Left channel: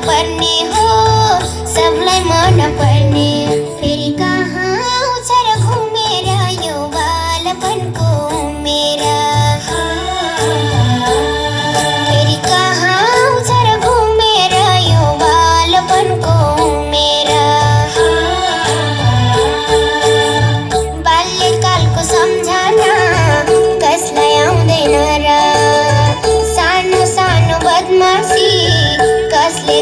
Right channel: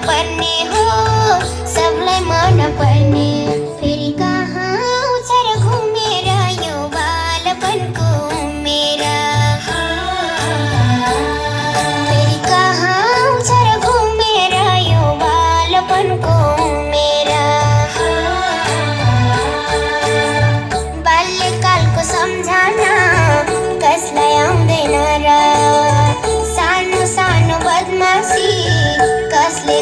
पर्ने हो, सबलाई मन पर्ने। फेरि कहाँ आउँछ र घुमेर यो बालपनको मेरा। फेरि कहाँ आउँछ र घुमेर यो बालपनको मेरा। बाल्यकालको सम्झना कसलाई आउँदैन र, सानो सानो बदमासी कसले